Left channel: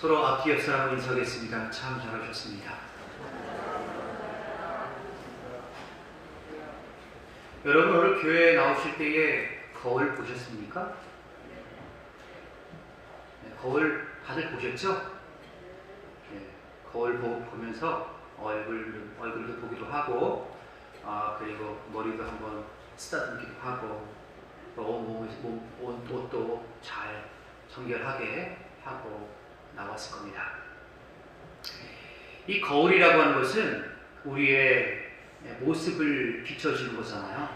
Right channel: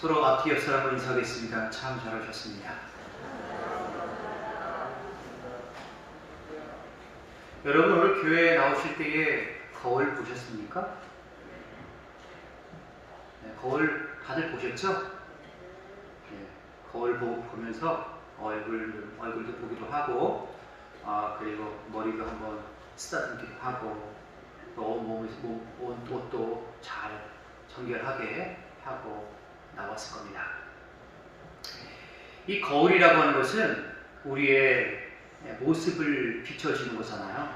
서로 앞뒤 옆 사람을 인사하겠습니다. 참 잘하셨습니다. 여러분 오늘 교회에 나오실 때에 거울 보셨습니까? 네, 거울 다들 보셨죠? 네, 거울 보면서 얼굴도 보기도 하고, 그리고 머리도 한번 쓰다듬기도 하고, 옷도 잘 정결하게 하고 나왔을 겁니다. 이 거울이라고 하는 것은 우리의 모습을 비춰주는 거잖아요.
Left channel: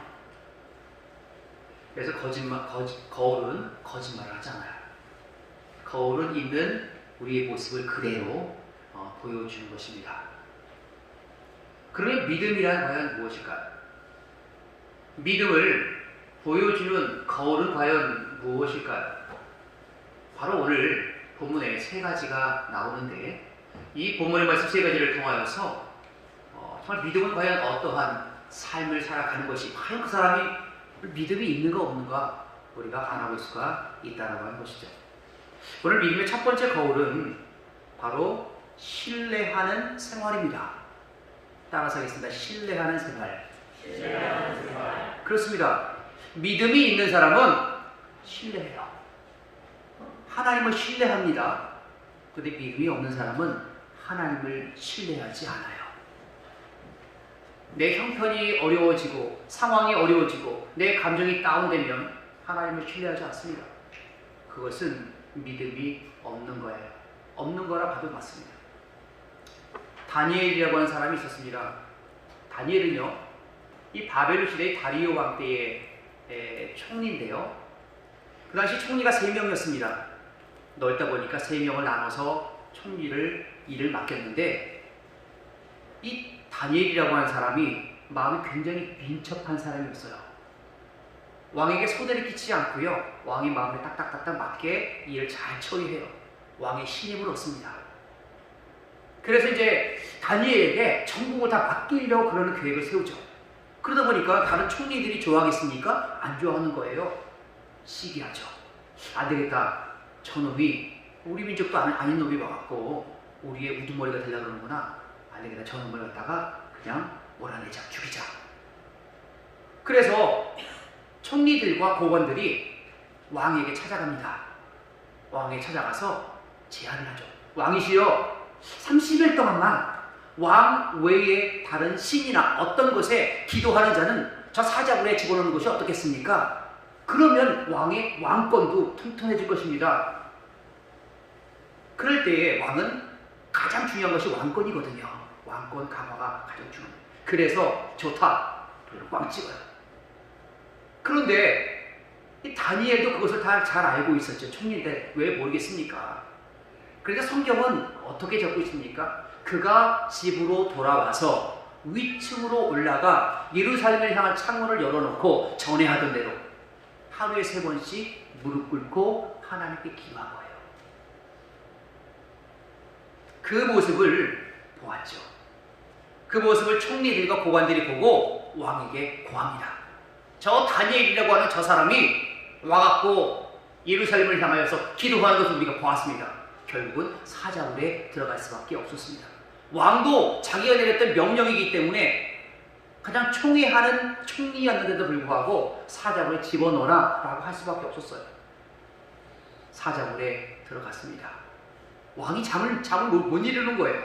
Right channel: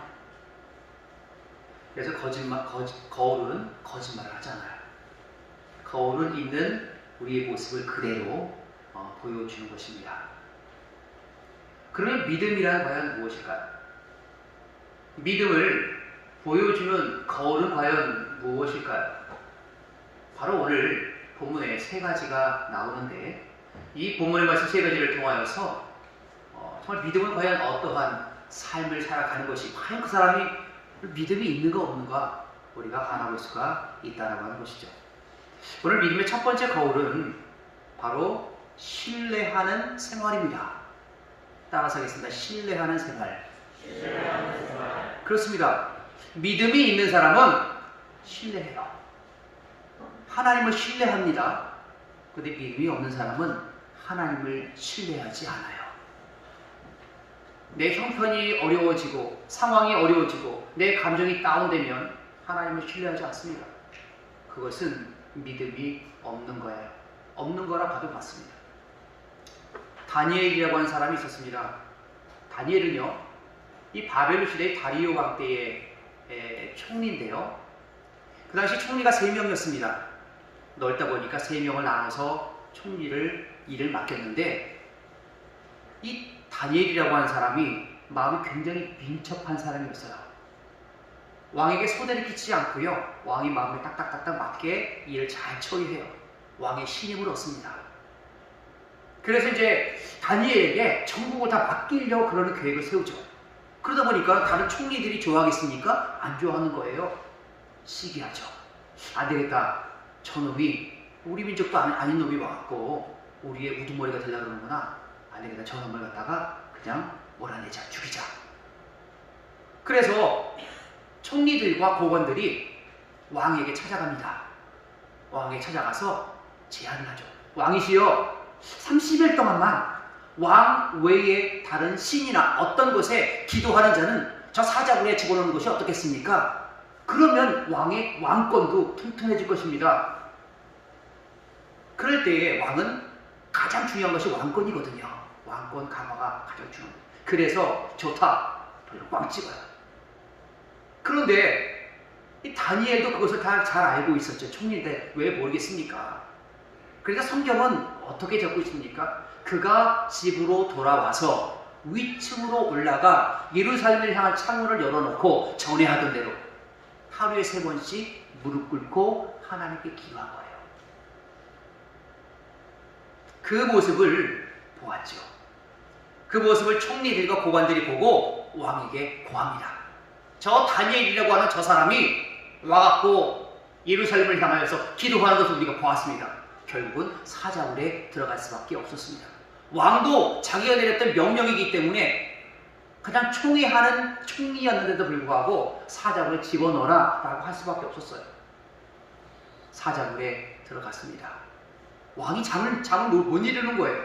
그래서 거울은 거짓말을 하잖아요. 거울은 있는 우리의 모습을 그대로 보여주는 것입니다. 그러면 믿음이란 과연 무엇일까요? 믿음을 보여주는 거울은 과연 무엇일까요? 바로 오늘 본문에 세 가지가 나오는데, 이 본문의 말씀 세 가지를 통하여서 정말 믿음은 과연 어떠한 삶을 살아가는 것이, 과연 그 사람이 믿음이 있는가 없는가 우리가 알아볼 수가 있다라고 하는 것이죠. 오늘 믿음의 첫 번째 거울은 바로 신뢰하는 생활입니다. 따라서 하겠습니다. 신뢰하는 생활. 그렇습니다. 믿음이 있는 사람은 신뢰해요. 하나님을 신뢰합니다. 그런데 믿음이 없는 사람은 하나님을 신뢰하지 않아요. 내 형편이 어려워지고 상황이 어려워지고 내 감정이 다운되면 하나님을 신뢰하지 않습니다. 그것은 믿음이 없는 거예요. 없는 거라 봐도 맞습니다. 다니엘이라고 하는 사람이 있었습니다. 다니엘은요, 이 바벨론 시대의 다리오 왕 때의 총리인데요, 그 당시 총리가 3명이었습니다. 넓다 보니까 3명을 나눠서 일을 맡겼는데, 이 다니엘이라고 하는 사람이 마음이 굉장히 민첩한 사람이었어요. 왕에게 손해를 끼치지 않고요, 왕이 마음에 딱딱딱딱 맞게 일을 잘 처리해요. 왕의 신임을 얻습니다. 그래서 이제 다니엘에게 전국을 다 맡기려고 그러는 계획을 세우죠. 그러다 보니까 다른 총리들이 좋아하겠습니까? 안 좋아하는 거예요. 시기하죠. 안 되겠다. 저놈이 우리 민족도 아닌 놈이 와갖고 우리의 우두머리가 되려고 그러는구나. 안 되겠다. 저놈을 갖다가 그냥 몰아내자, 죽이자. 그래서 총리들과 고관들이 왕에게 찾아갑니다. 왕에게 찾아가서 제안을 하죠. 왕이시여, 30일 동안만 왕 외에 다른 신이나 어떤 곳에 기도하는 자는 저 사자굴에 집어넣는 것이 어떻겠습니까? 그러면 왕의 왕권도 튼튼해질 것입니다. 그럴 때에 왕은 가장 중요한 것이 왕권이거든요. 왕권 강화가 가장 중요합니다. 그래서 좋다, 꽝 찍어요. 그런데 이 다니엘도 그것을 다 잘 알고 있었죠. 총리인데 왜 모르겠습니까? 그래서 성경은 어떻게 적고 있습니까? 그가 집으로 돌아와서 위층으로 올라가 예루살렘을 향한 창문을 열어놓고 전에 하던 대로 하루에 3번씩 무릎 꿇고 하나님께 기도한 거예요. 그 모습을 보았죠. 그 모습을 총리들과 고관들이 보고 왕에게 고합니다. 저 다니엘이라고 하는 저 사람이 와갖고 예루살렘을 향하여서 기도하는 것을 우리가 보았습니다. 결국은 사자굴에 들어갈 수밖에 없었습니다. 왕도 자기가 내렸던 명령이기 때문에 그냥 총회하는 총리였는데도 불구하고 사자굴에 집어넣어라 라고 할 수밖에 없었어요. 사자굴에 들어갔습니다. 왕이 잠을 못 이루는 거예요.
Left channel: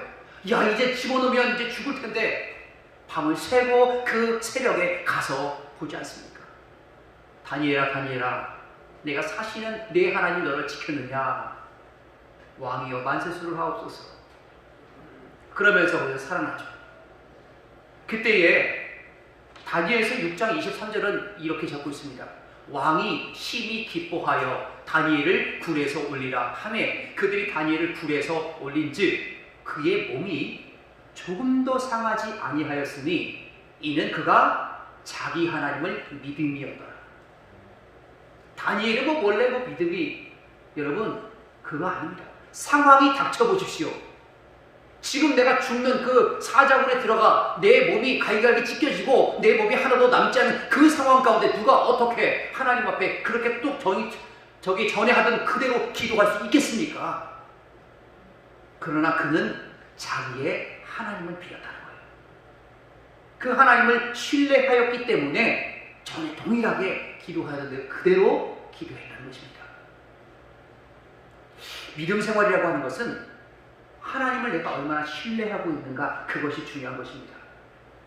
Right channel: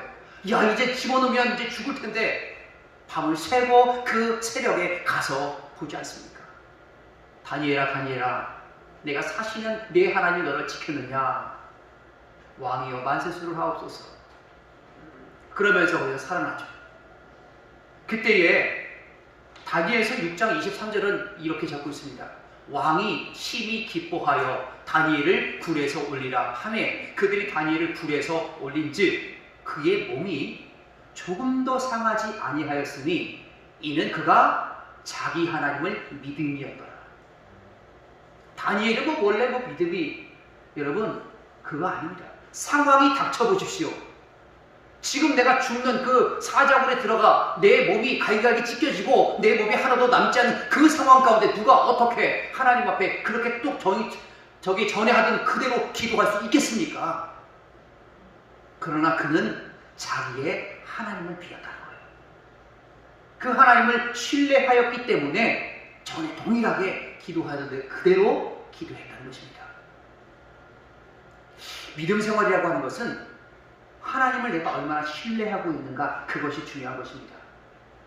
야, 이제 집어넣으면 이제 죽을 텐데 밤을 새고 그 새벽에 가서 보지 않습니까? 다니엘아, 내가 사시는 내 하나님 너를 지켰느냐? 왕이여, 만세수를 하옵소서. 그러면서 거기서 살아나죠. 그때에 다니엘서 6장 23절은 이렇게 적고 있습니다. 왕이 심히 기뻐하여 다니엘을 굴에서 올리라 하매 그들이 다니엘을 굴에서 올린즉 그의 몸이 조금도 상하지 아니하였으니 이는 그가 자기 하나님을 믿음이었더라. 다니엘은 원래 믿음이, 여러분, 그거 아닙니다. 상황이 닥쳐보십시오. 지금 내가 죽는 그 사자굴에 들어가 내 몸이 갈기갈기 찢겨지고 내 몸이 하나도 남지 않은 그 상황 가운데 누가 어떻게 하나님 앞에 그렇게 또 저기 전에 하던 그대로 기도할 수 있겠습니까? 그러나 그는 자기의 하나님을 빌었다는 거예요. 그 하나님을 신뢰하였기 때문에 전에 동일하게 기도하였는데 그대로 기도했다는 것입니다. 믿음 생활이라고 하는 것은 하나님을 내가 얼마나 신뢰하고 있는가, 그것이 중요한 것입니다.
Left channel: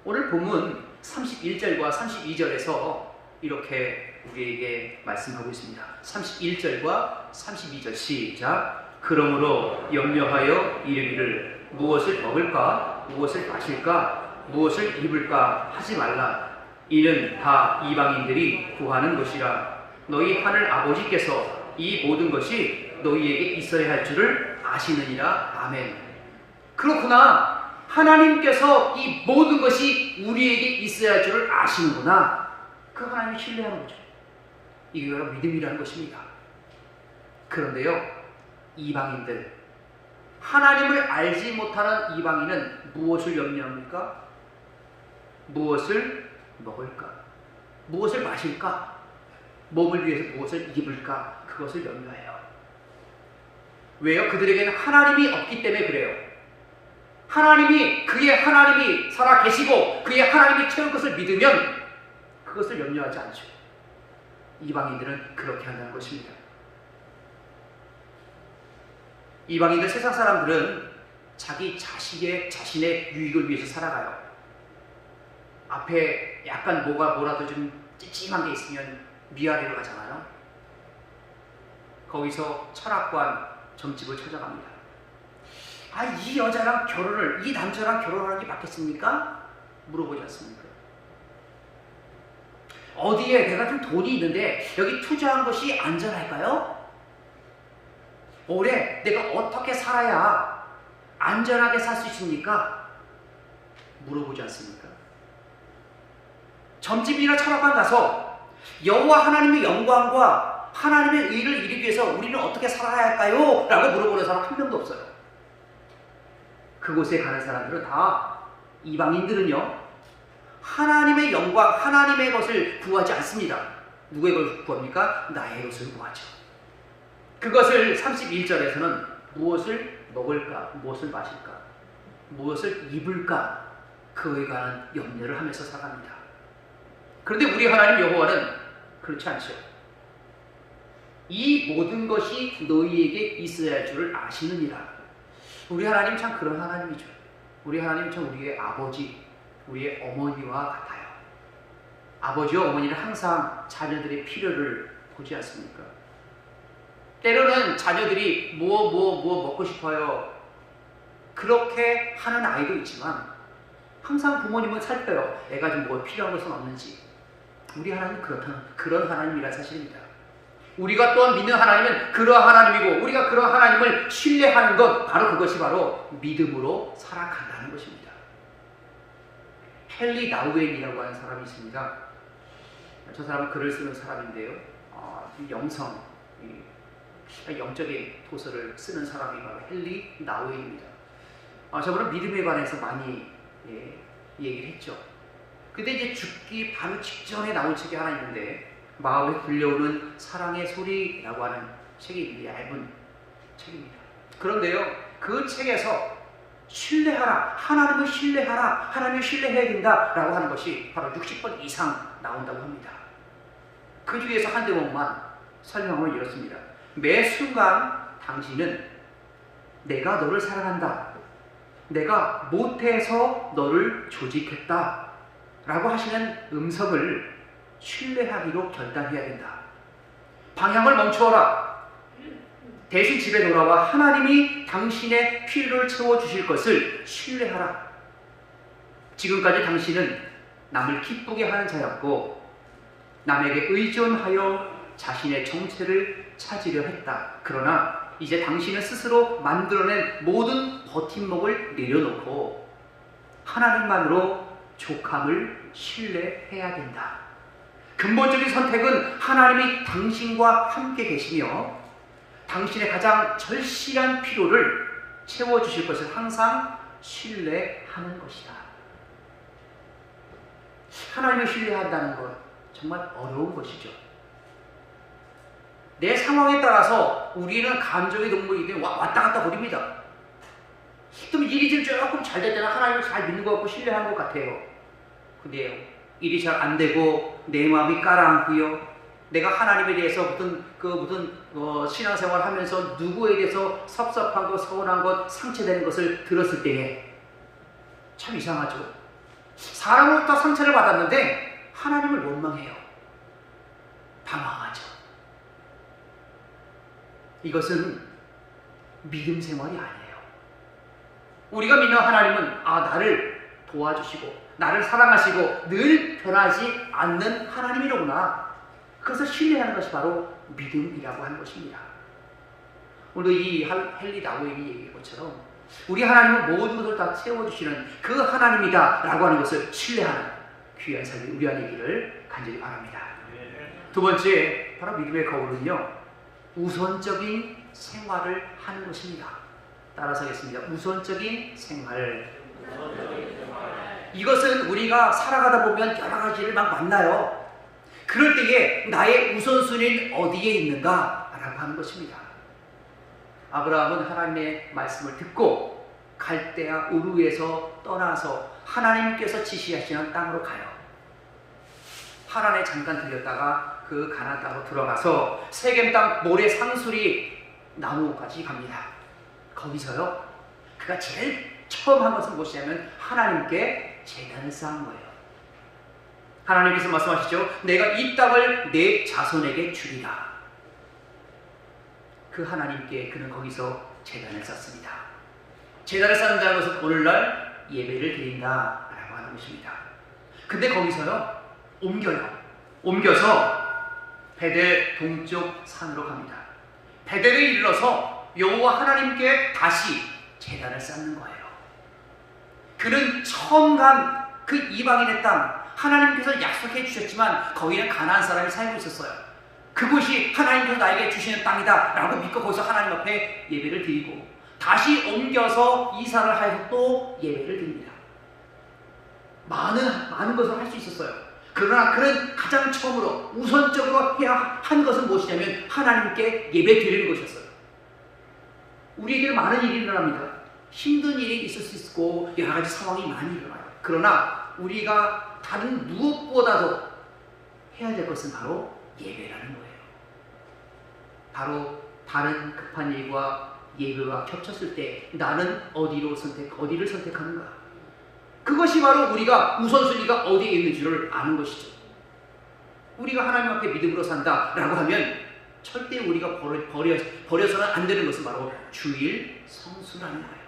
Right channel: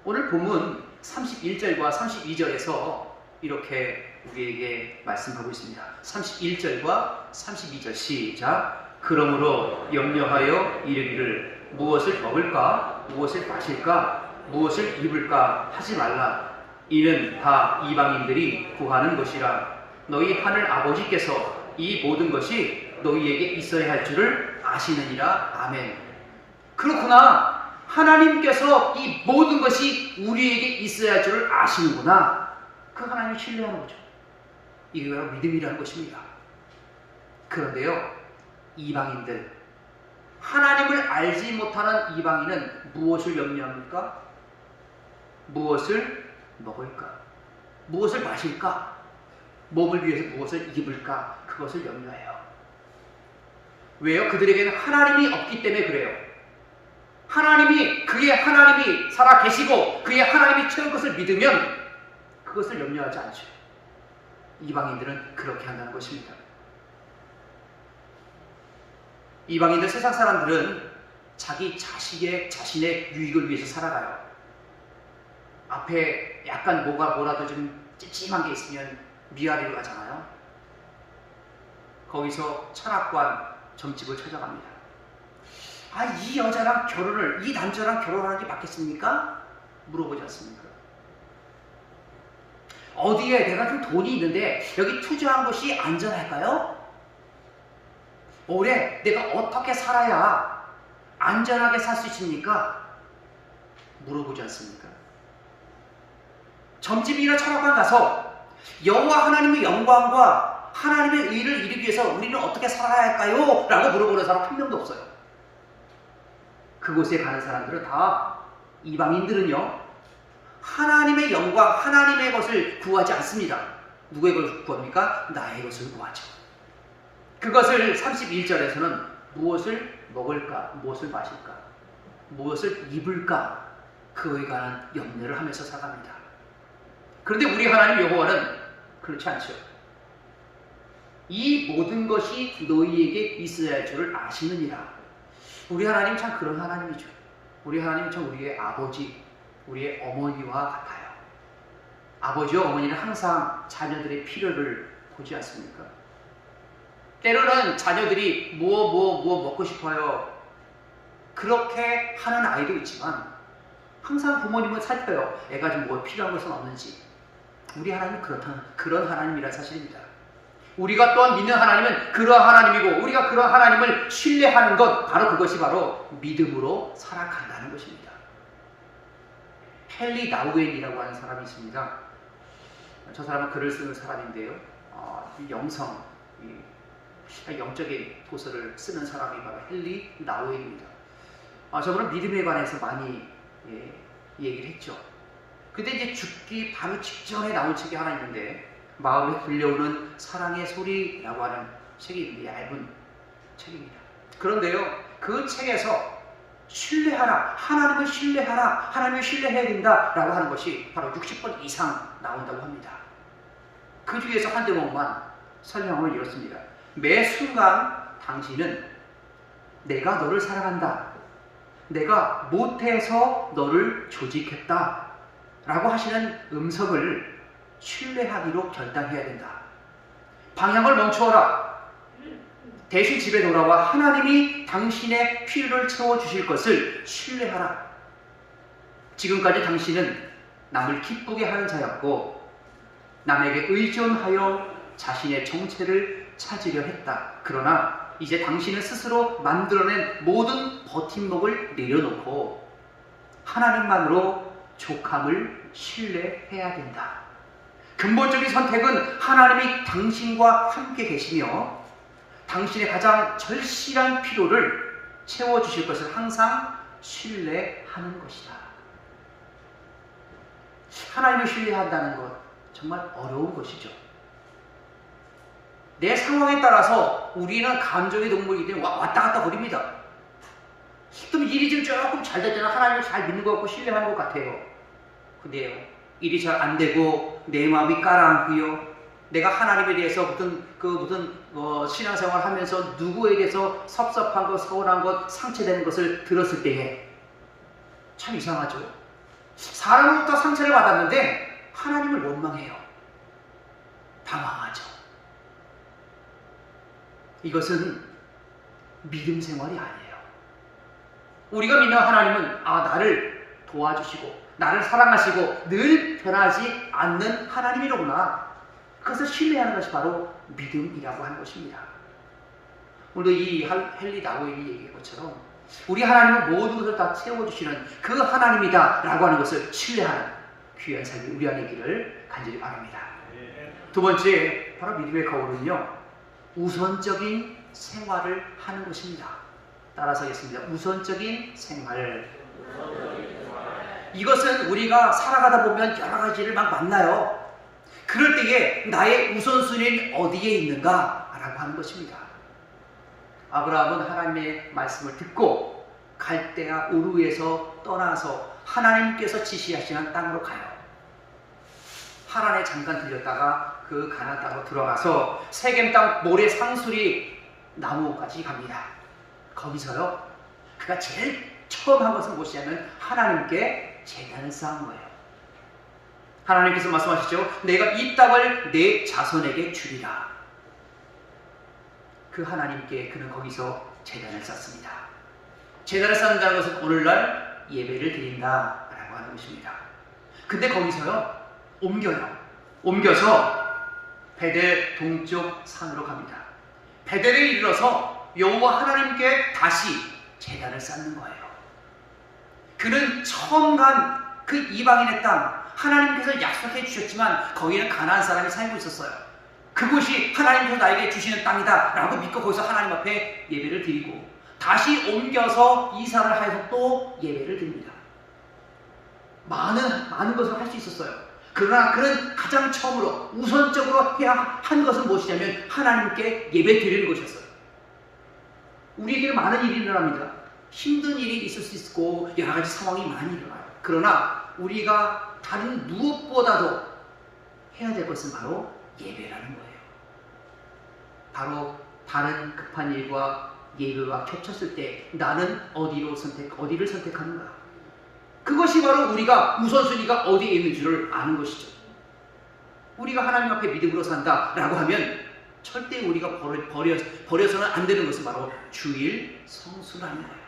오늘 본문 31절과 32절에서 이렇게 우리에게 말씀하고 있습니다. 31절과 32절 시작. 그러므로 염려하여 이르기를 무엇을 먹을까, 무엇을 마실까, 무엇을 입을까 하지 말라. 이는 다 이방인들이 구하는 것이라. 너희 하늘 아버지께서 이 모든 것이 너희에게 있어야 할 줄을 아시느니라. 아멘. 그렇구나. 하나님께서 이 모든 것이 우리에게 있어야 할 줄을 아시는구나. 그 하나님을 신뢰하는 거죠. 이게 바로 믿음이라는 것입니다. 그런데요, 이방인들, 하나님을 알지 못하는 이방인은 무엇을 염려합니까? 무엇을 먹을까? 무엇을 마실까? 몸을 위해서 무엇을 입을까? 그것을 염려해요. 왜요? 그들에게는 하나님이 없기 때문에 그래요. 그의 하나님이 살아 계시고 그의 하나님이 채울 것을 믿으면 그것을 염려하지 않죠. 이방인들은 그렇게 한다는 것입니다. 이방인들, 세상 사람들은 자기 자신의 유익을 위해서 살아가요. 앞에 약간 뭐라도 좀 찜찜한 게 있으면 미아리로 가잖아요. 거기서 철학관 점집을 찾아갑니다. 이 여자랑 이 남자랑 결혼하는 게 맞겠습니까? 물어보지 않습니까? 어디에 내가 좀 돈이 있는데 여기 투자한 것이 안전할까요? 올해 내가 어떻게 살아야 안전하게 살 수 있습니까? 물어보지 않습니까? 점집이나 철학관 가서 여호와 하나님의 영광과 하나님의 의를 이루기 위해서 우리는 어떻게 살아야 할까요? 라고 물어보는 사람 한 명도 없어요. 그곳에 가는 사람들은 다, 이방인들은요, 하나님의 영광, 하나님의 것을 구하지 않습니다. 누구의 것을 구합니까? 나의 것을 구하죠. 그것을 31절에서는 무엇을 먹을까, 무엇을 마실까, 무엇을 입을까, 그에 관한 염려를 하면서 살아갑니다. 그런데 우리 하나님 여호와는 그렇지 않죠. 이 모든 것이 너희에게 있어야 할 줄을 아시느니라. 우리 하나님 참 그런 하나님이죠. 우리 하나님 참 우리의 아버지, 우리의 어머니와 같아요. 아버지와 어머니는 항상 자녀들의 필요를 보지 않습니까? 때로는 자녀들이 무엇 먹고 싶어요. 그렇게 하는 아이도 있지만 항상 부모님은 살펴요. 애가 좀 뭐 필요한 것은 없는지. 우리 하나님은 그런 하나님이라는 사실입니다. 우리가 또한 믿는 하나님은 그러한 하나님이고 우리가 그러한 하나님을 신뢰하는 것, 그것이 바로 믿음으로 살아간다는 것입니다. 헨리 나우엔이라고 하는 사람이 있습니다. 저 사람은 글을 쓰는 사람인데요. 영적인 도서를 쓰는 사람이 바로 헨리 나우엔입니다. 저분은 믿음에 관해서 많이 얘기를 했죠. 근데 이제 죽기 바로 직전에 나온 책이 하나 있는데, 마음에 들려오는 사랑의 소리라고 하는 책이 얇은 책입니다. 그런데요, 그 책에서 신뢰하라, 하나님을 신뢰하라, 하나님을 신뢰해야 된다라고 하는 것이 바로 60번 이상 나온다고 합니다. 그 중에서 한 대목만 설명을 이렇습니다. 매 순간 당신은 내가 너를 사랑한다, 내가 못해서 너를 조직했다 라고 하시는 음성을 신뢰하기로 결단해야 된다. 방향을 멈추어라. 대신 집에 돌아와 하나님이 당신의 필요를 채워주실 것을 신뢰하라. 지금까지 당신은 남을 기쁘게 하는 자였고 남에게 의존하여 자신의 정체를 찾으려 했다. 그러나 이제 당신은 스스로 만들어낸 모든 버팀목을 내려놓고 하나님만으로 족함을 신뢰해야 된다. 근본적인 선택은 하나님이 당신과 함께 계시며 당신의 가장 절실한 필요를 채워주실 것을 항상 신뢰하는 것이다. 하나님을 신뢰한다는 것 정말 어려운 것이죠. 내 상황에 따라서 우리는 감정의 동물이기 때문에 왔다 갔다 거립니다. 또 일이 좀 조금 잘 됐잖아. 하나님을 잘 믿는 것 같고 신뢰하는 것 같아요. 근데요, 일이 잘 안 되고 내 마음이 가라앉고요. 내가 하나님에 대해서 무슨 신앙생활 하면서 누구에 대해서 섭섭한 것, 서운한 것, 상처되는 것을 들었을 때에 참 이상하죠. 사람으로부터 상처를 받았는데 하나님을 원망해요. 당황하죠. 이것은 믿음 생활이 아니에요. 우리가 믿는 하나님은 나를 도와주시고 나를 사랑하시고 늘 변하지 않는 하나님이로구나. 그것을 신뢰하는 것이 바로 믿음이라고 하는 것입니다. 오늘도 이 헨리 나우인이 얘기한 것처럼 우리 하나님은 모든 것을 다 채워주시는 그 하나님이다 라고 하는 것을 신뢰하는 귀한 삶이 우리 안에 있기를 간절히 바랍니다. 두 번째, 바로 믿음의 거울은요, 우선적인 생활을 하는 것입니다. 따라서 하겠습니다. 우선적인 생활. 이것은 우리가 살아가다 보면 여러 가지를 막 만나요. 그럴 때에 나의 우선순위는 어디에 있는가? 라고 하는 것입니다. 아브라함은 하나님의 말씀을 듣고 갈대아 우르에서 떠나서 하나님께서 지시하시는 땅으로 가요. 하란에 잠깐 들렸다가 그 가나안 땅으로 들어가서 세겜 땅 모래 상수리 나무까지 갑니다. 거기서요, 그가 제일 처음 한 것은 무엇이냐면 하나님께 제단을 쌓은 거예요. 하나님께서 말씀하시죠. 내가 이 땅을 내 자손에게 주리라. 그 하나님께 그는 거기서 제단을 쌓습니다. 제단을 쌓는다는 것은 오늘날 예배를 드린다라고 하는 것입니다. 근데 거기서요, 옮겨서 베델 동쪽 산으로 갑니다. 베델에 이르러서 여호와 하나님께 다시 제단을 쌓는 거예요. 그는 처음 간 그 이방인의 땅, 하나님께서 약속해 주셨지만 거기는 가나안 사람이 살고 있었어요. 그곳이 하나님께서 나에게 주시는 땅이다 라고 믿고 거기서 하나님 앞에 예배를 드리고 다시 옮겨서 이사를 하여서 또 예배를 드립니다. 많은 것을 할 수 있었어요. 그러나 그는 가장 처음으로 우선적으로 해야 한 것은 무엇이냐면 하나님께 예배 드리는 것이었어요. 우리에게는 많은 일이 일어납니다. 힘든 일이 있을 수 있고 여러 가지 상황이 많이 일어나요. 그러나 우리가 다른 무엇보다도 해야 될 것은 바로 예배라는 거예요. 바로 다른 급한 일과 예배가 겹쳤을 때 나는 어디를 선택하는가? 그것이 바로 우리가 우선순위가 어디에 있는 줄을 아는 것이죠. 우리가 하나님 앞에 믿음으로 산다라고 하면 절대 우리가 버려서는 안 되는 것은 바로 주일 성수라는 거예요.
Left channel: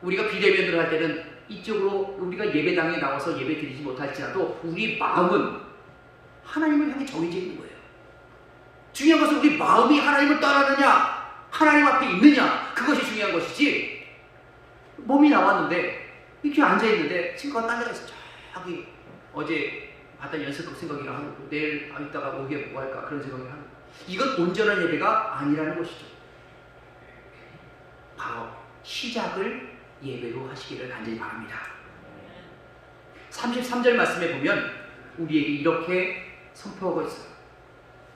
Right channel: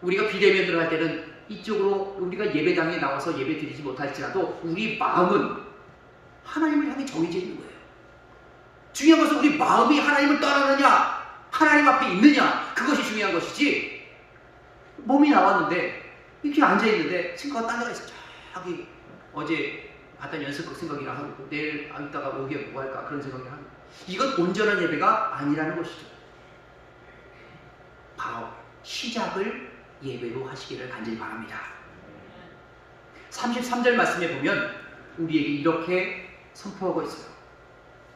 우리가 비대면으로 할 때는 이쪽으로 우리가 예배당에 나와서 예배 드리지 못할지라도 우리 마음은 하나님을 향해 정해져 있는 거예요. 중요한 것은 우리 마음이 하나님을 떠나느냐, 하나님 앞에 있느냐, 그것이 중요한 것이지. 몸이 나왔는데 이렇게 앉아있는데 친구가 딴 데가 있어. 저기 어제 봤던 연습복 생각이라 하고 내일 이따가 오후에 뭐 할까 그런 생각을 하고, 이건 온전한 예배가 아니라는 것이죠. 바로 시작을 예배로 하시기를 간절히 바랍니다. 33절 말씀에 보면 우리에게 이렇게 선포하고 있어요.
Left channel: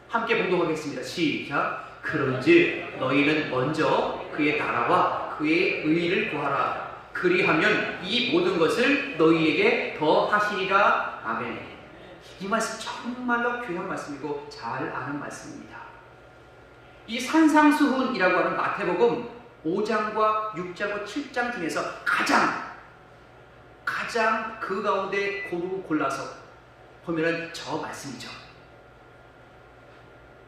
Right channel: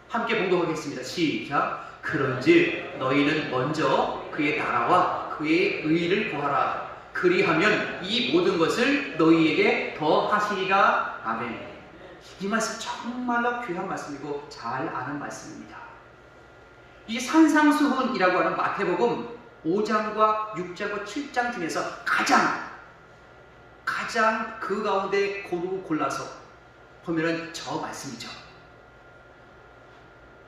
함께 봉독하겠습니다. 시작. 그런즉 너희는 먼저 그의 나라와 그의 의를 구하라. 그리하면 이 모든 것을 너희에게 더 하시리라. 아멘. 이 말씀 정말로 귀한 말씀이고 잘 아는 말씀입니다. 이 산상수훈이라고 하는 마태복음 5장과 6장과 7장 중에서 가장 그 가운데 골라서 보면은 저 말씀이죠.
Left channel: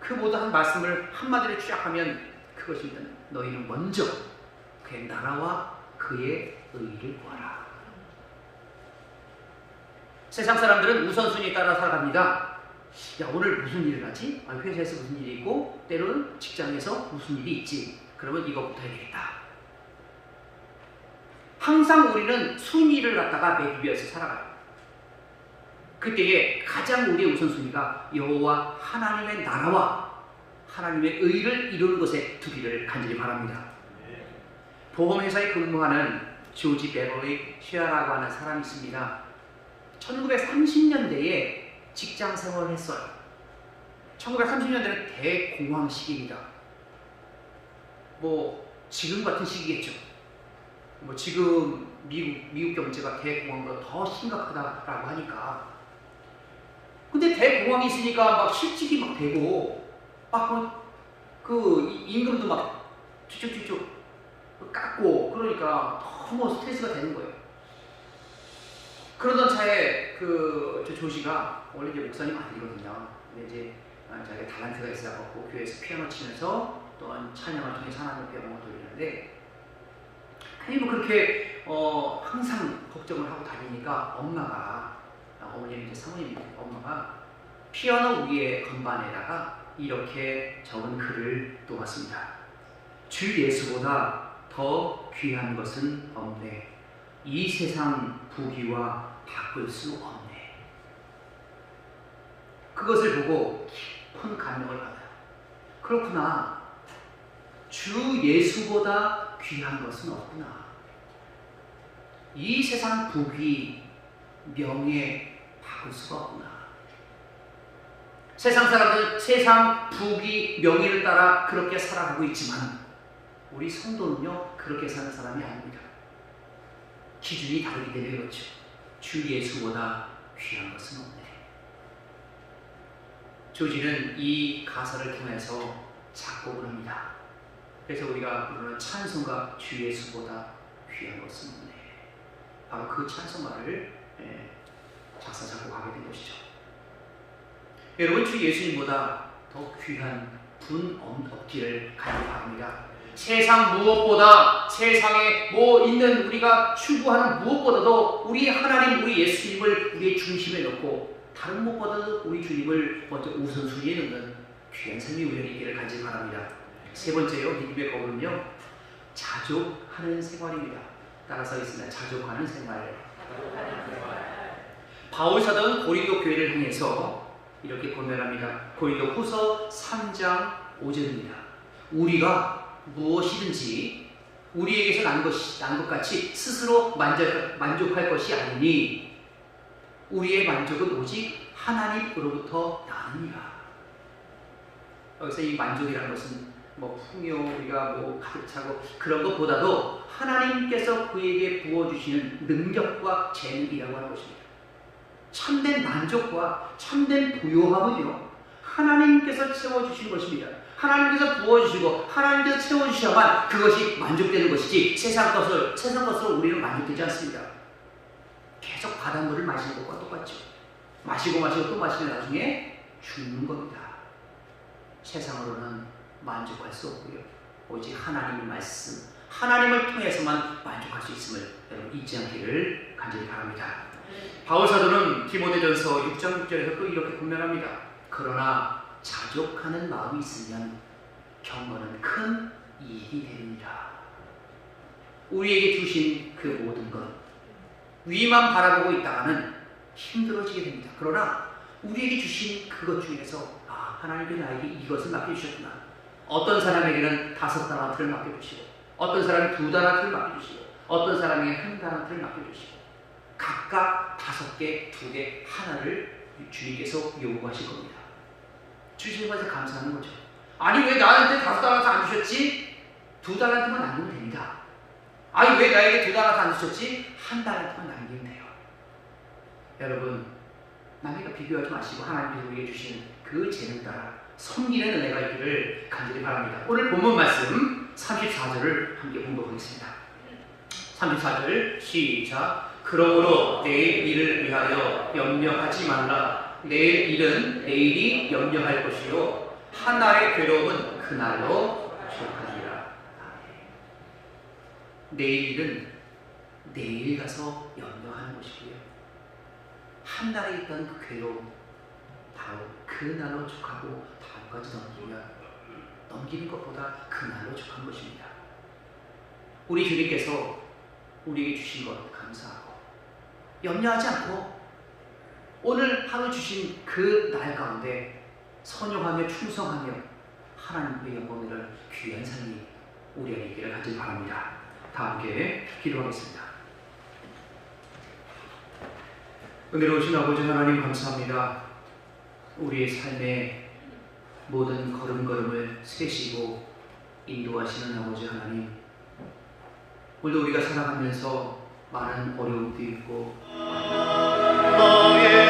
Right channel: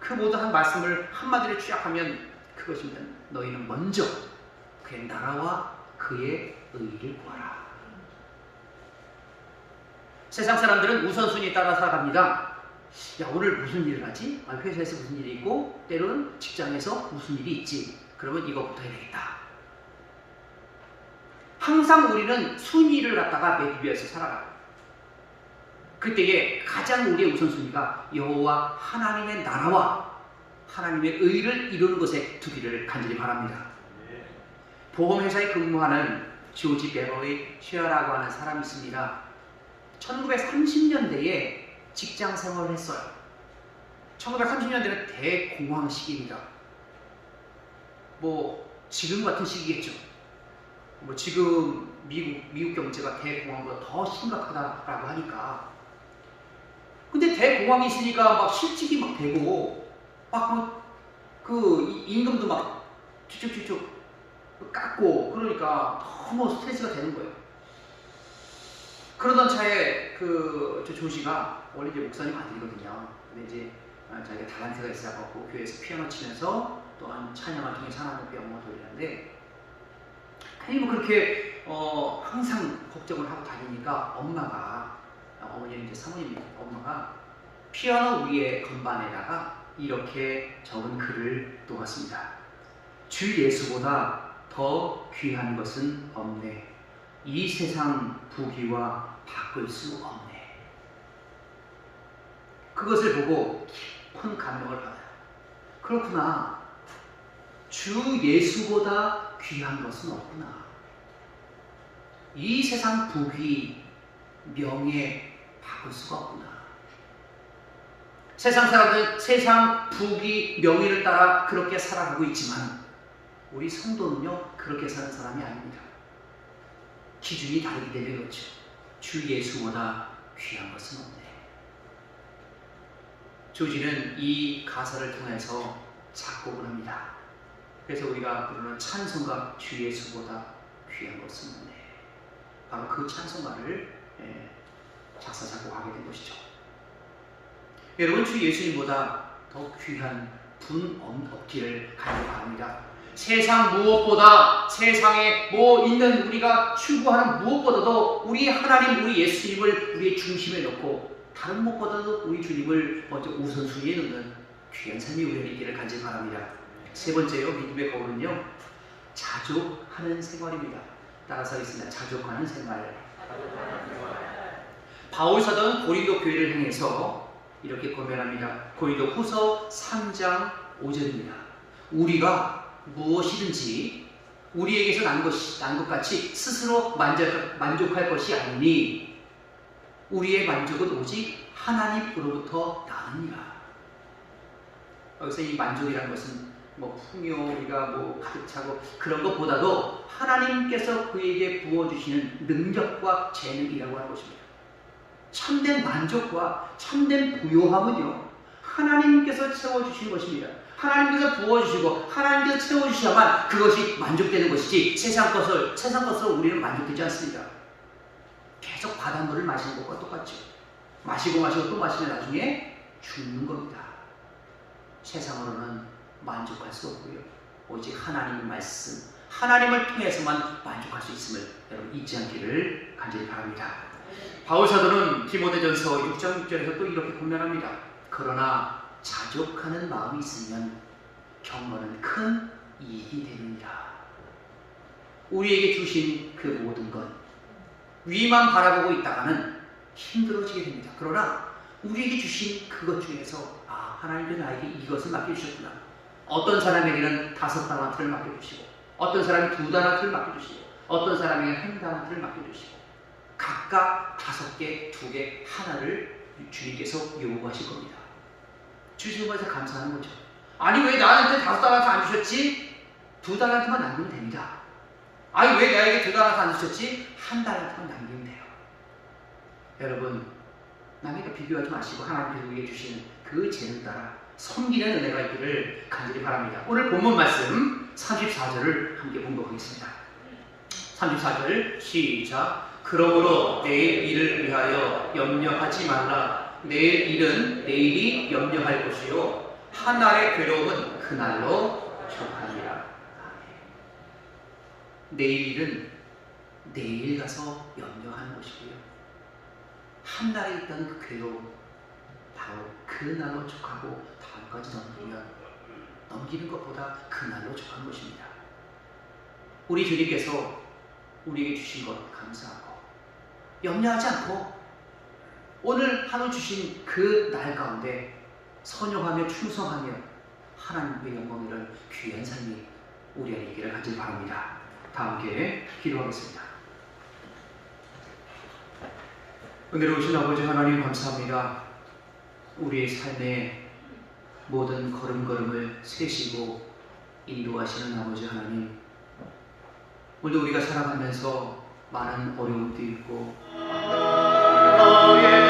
그 모든 한 말씀을 한마디로 추락하면 그것입니다. 너희는 먼저 그의 나라와 그의 의를 구하라. 세상 사람들은 우선순위에 따라 살아갑니다. 야, 오늘 무슨 일을 하지? 회사에서 무슨 일이 있고 때로는 직장에서 무슨 일이 있지. 그러면 이거부터 해야 되겠다. 항상 우리는 순위를 갖다가 매기면서 살아가요. 그때에 가장 우리의 우선순위가 여호와 하나님의 나라와 하나님의 의를 이루는 것에 두기를 간절히 바랍니다. 보험회사에 근무하는 조지 베버리 쉐어라고 하는 사람이 있습니다. 1930년대에 직장 생활을 했어요. 1930년대는 대공황 시기입니다. 지금 같은 시기겠죠. 뭐 지금 미국 경제가 대공황보다 더 심각하다라고 하니까. 근데 대공황이 있으니까 막 실직이 막 되고 막 그 임금도 막 쭉쭉쭉쭉 깎고 그러니까 너무 스트레스가 되는 거예요. 그러던 차에 저 조지가 원래 이제 목사님 아들이거든요. 근데 이제 자기가 달란트가 있어갖고 교회에서 피아노 치면서 또한 찬양을 통해 하나님께 영광을 돌리는데 괜히 뭐 그렇게 항상 걱정을 하고 다니니까 어머님 이제 사모님 엄마가 피아노 위에 건반에다가 이렇게 적은 글을 놓았습니다. 주 예수보다 더 귀한 것은 없네. 이 세상 부귀와 바꿀 수 없네. 그것을 보고 깊은 감명을 받아요. 그렇구나. 주 예수보다 귀한 것은 없구나. 이 세상 부귀, 명예 바꿀 수가 없구나. 세상 사람들은 세상 부귀, 명예를 따라 그렇게 살아가고 있지만 우리 성도는요 그렇게 사는 사람이 아닙니다. 기준이 다르기 때문에 그렇죠. 주 예수보다 귀한 것은 없네. 조지는 이 가사를 통해서 작곡을 합니다. 그래서 우리가 부르는 찬송가 주 예수보다 귀한 것은 없네. 바로 그 찬송가를 작사 작곡하게 된 것이죠. 여러분, 주 예수님보다 더 귀한 분 없기를 간절히 바랍니다. 세상 무엇보다, 세상에 뭐 있는 우리가 추구하는 무엇보다도 우리 하나님, 우리 예수님을 우리의 중심에 놓고 다른 무엇보다도 우리 주님을 먼저 우선순위에 놓는 귀한 삶이 우리에게 있기를 간절히 바랍니다. 세 번째요, 믿음의 거울은요, 자족하는 생활입니다. 따라서 하겠습니다. 자족하는 생활. 바울 사도는 고린도 교회를 향해서 이렇게 고면합니다. 고린도 후서 3장 5절입니다. 우리가 무엇이든지 우리에게서 난 것 같이 스스로 만족할 것이 아니니 우리의 만족은 오직 하나님으로부터 나느니라. 여기서 이 만족이라는 것은 뭐 풍요, 우리가 뭐 가득 차고 그런 것보다도 하나님께서 그에게 부어주시는 능력과 재능이라고 하는 것입니다. 참된 만족과 참된 부요함은요, 하나님께서 채워주신 것입니다. 하나님께서 부어주시고 하나님께서 채워주셔야만 그것이 만족되는 것이지 세상 것으로 우리는 만족되지 않습니다. 계속 바닷물을 마시는 것과 똑같죠. 마시고 또 마시면 나중에 죽는 겁니다. 세상으로는 만족할 수 없고요. 오직 하나님의 말씀, 하나님을 통해서만 만족할 수 있음을 여러분 잊지 않기를 간절히 바랍니다. 바울 사도는 디모데전서 6장 6절에서 또 이렇게 고면합니다. 그러나 자족하는 마음이 있으면 경건은 큰 이익이 됩니다. 우리에게 주신 그 모든 것 위만 바라보고 있다가는 힘들어지게 됩니다. 그러나 우리에게 주신 그것 중에서 하나님께서 나에게 이것을 맡겨주셨구나. 어떤 사람에게는 5달란트를 맡겨주시고 어떤 사람이 2달란트를 맡겨주시고 어떤 사람에게 1달란트를 맡겨주시고 각각 5개, 2개, 하나를 주님께서 요구하실 겁니다. 주시는 것에서 감사하는 거죠. 아니 왜 나한테 5달란트 안 주셨지? 2달란트만 남기면 됩니다. 아니 왜 나에게 2달란트 안 주셨지? 1달란트만 남기면 돼요. 여러분, 남에게 비교하지 마시고 하나님께서 우리에게 주시는 그 재능 따라 섬기는 은혜가 있기를 간절히 바랍니다. 오늘 본문 말씀 34절을 함께 봉독하겠습니다. 34절 시작. 그러므로 내일 일을 위하여 염려하지 말라. 내일 일은 내일이 염려할 것이요 한 날의 괴로움은 그날로 족하리라. 내일 일은 내일 가서 염려하는 것이고요, 한 달에 있던 그 괴로움 바로 그날로 족하고 다음까지 넘기는 것보다 그날로 족한 것입니다. 우리 주님께서 우리에게 주신 것 감사하고 염려하지 않고 오늘 하루 주신 그 날 가운데 선용하며 충성하며 하나님의 영광을 귀한 삶이 우리 안에 있기를 간절히 바랍니다. 다 함께 기도하겠습니다. 은혜로우신 아버지 하나님 감사합니다. 우리의 삶의 모든 걸음걸음을 세시고 인도하시는 아버지 하나님, 오늘도 우리가 살아가면서 많은 어려움도 있고 나의